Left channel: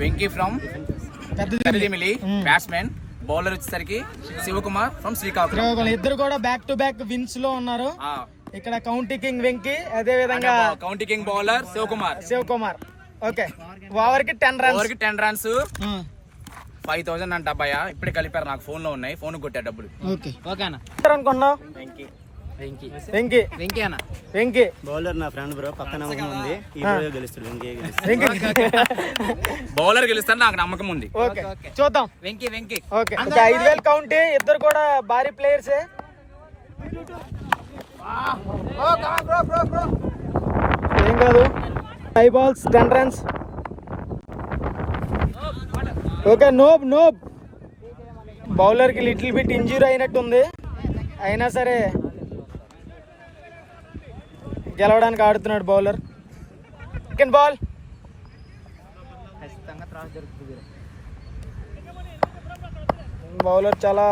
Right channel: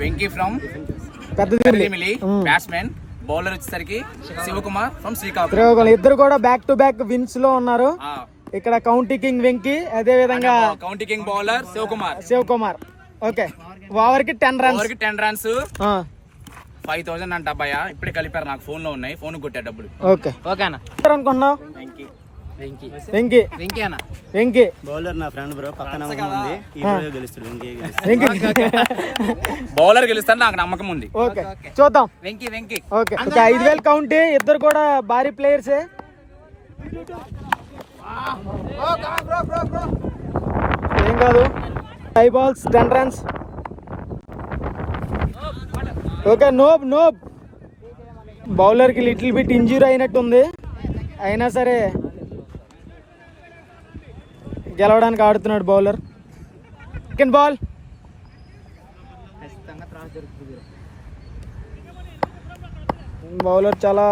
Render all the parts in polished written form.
Venky from Peddadimili batsmen. Bowler వచ్చేసరికి Shivakumar from Srikakulam. ఇద్దరు కూడా బ్యాక్ టు బ్యాక్ విన్స్ లో ఉన్నారు. ఇక్కడ కౌంటీ కింగ్ వెంకీ, అదే విధంగా county king bowler Shivakumar. Okay, over కి 10 రన్స్ 5,000 అంట అబ్బాయ. ఇప్పుడే కలిపారు, నాకు ఫోన్ లో ఉన్నాయి, ఫోన్ కొట్టా డబ్బులు. ఓకేనా అనుకున్నా. వెంకీ బౌలర్ నా ఫ్రెండ్ బ్రో, పక్క నమ్మకం ఉంది. ఈ రోజు గెలుస్తాడు వెంకీ. బౌలర్ గెలుస్తాడు, నాకు నమ్మకం ఉంది. చూద్దాం. వెంకీ 5,000 కౌంటీ. ఇద్దరు కూడా భారీ ప్లేయర్స్. ఏం కాదు. 5 balls 10 runs. ఓకే, నోబ్ బౌలర్ కి లిటిల్ బిట్ ఇంజూరీ అయినట్టుంది, అయినా సరే గెలవడానికి ఆడుతున్నాడు బౌలర్. Second ball. బౌలర్ చాలా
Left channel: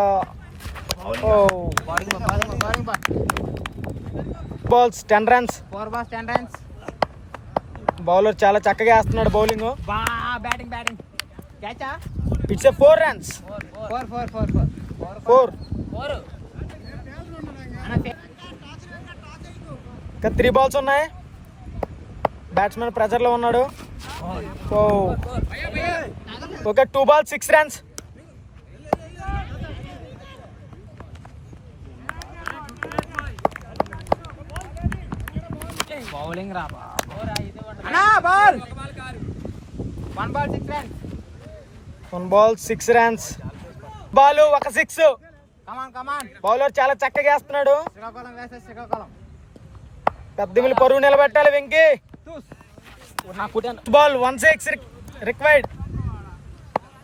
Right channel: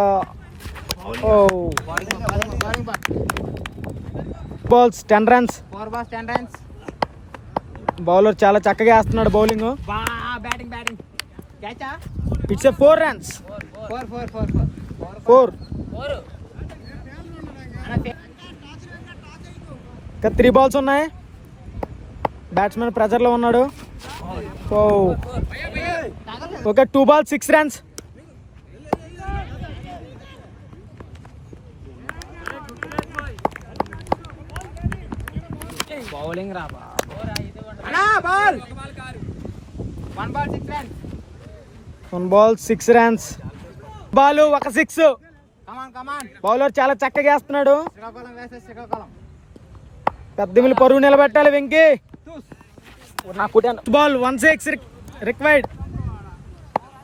balls 10 runs. 4 balls 10 runs. Bowler చాలా చక్కగా వేస్తున్నాడు బౌలింగ్. బ్యాటింగ్ క్యాచా. It's 4 runs. 4 ఇంకా 3 balls ఉన్నాయి. బ్యాట్స్మెన్ ప్రెజర్ లో ఉన్నాడు. ఒక 2 balls 6 runs. బౌలింగ్ రా ball. 1 ball 6 runs. 1 ball 6 runs. Ball ఒక 6. కమాన్. బౌలర్ చాలా చక్కగా వేస్తున్నాడు. శ్రీకాకుళం. పెద్దమిల్లి పరువు నిలబెట్టాలి వెంకీ. Ball 1 6 required.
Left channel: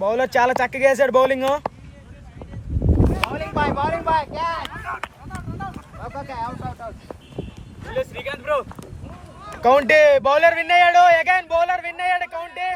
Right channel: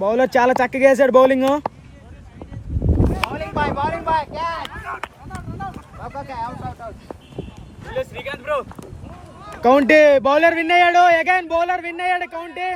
బౌలర్ చాలా చక్కగా వేసాడు bowling. Bowling boy catch. Okay, out. Srikanth bro. County. Bowler win అయ్యాడు. అగైన్ బౌలర్ విన్ అయ్యాడు. కౌంటీ.